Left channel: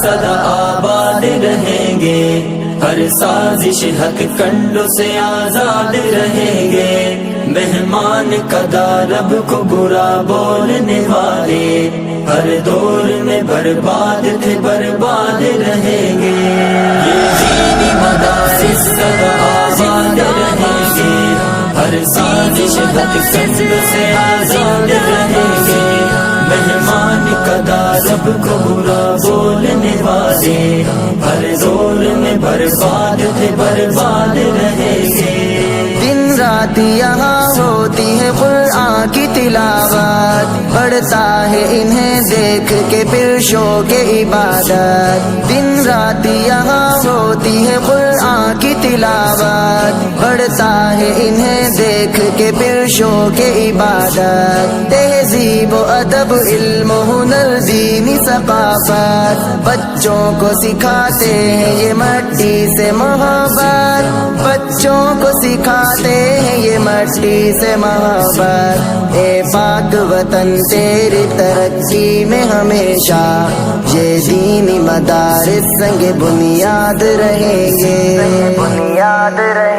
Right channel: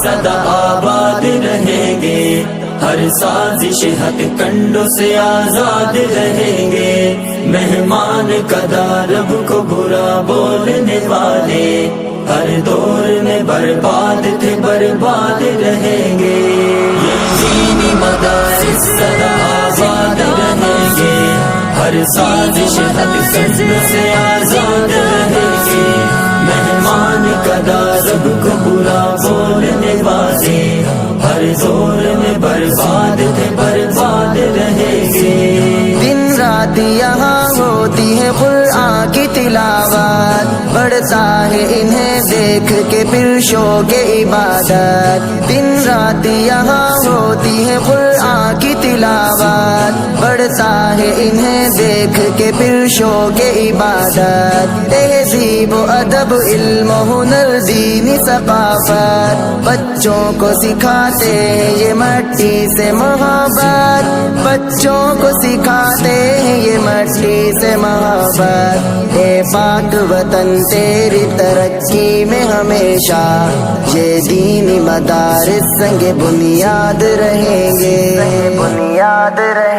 सदा आबाद रहेंगे, हर साजिश हक कंडों से आजाद रहेंगे। मेहमान कदा रब को बुरा बोलने वाले, हर दौर में बर्बाद थे बर्बाद रहेंगे। ये दीनी मदारिस सदा आबाद रहेंगे, हर साजिश हक कंडों से आजाद रहेंगे। मेहमान कदा रब को बुरा बोलने वाले, हर दौर में बर्बाद थे बर्बाद रहेंगे। दिन रात यहाँ होती है कुरान की तिलावत, बढ़ता है इन्हें देख के फिर शौक़ इबादत। दिन रात यहाँ होती है कुरान की तिलावत, बढ़ता है इन्हें देख के फिर शौक़ इबादत। तहज़ीब व अदब इल्म हुनर दीनी सक़ाफ़त, बच्चों को सिखाते हैं ये मट्टी से मोहब्बत, बच्चों को सिखाते हैं ये मट्टी से मोहब्बत। ए पाक वतन तेरी तरक्की में हमेशा ये दीनी मदारिस संग बुनियाद रहेंगे, बुनियाद रहेंगे।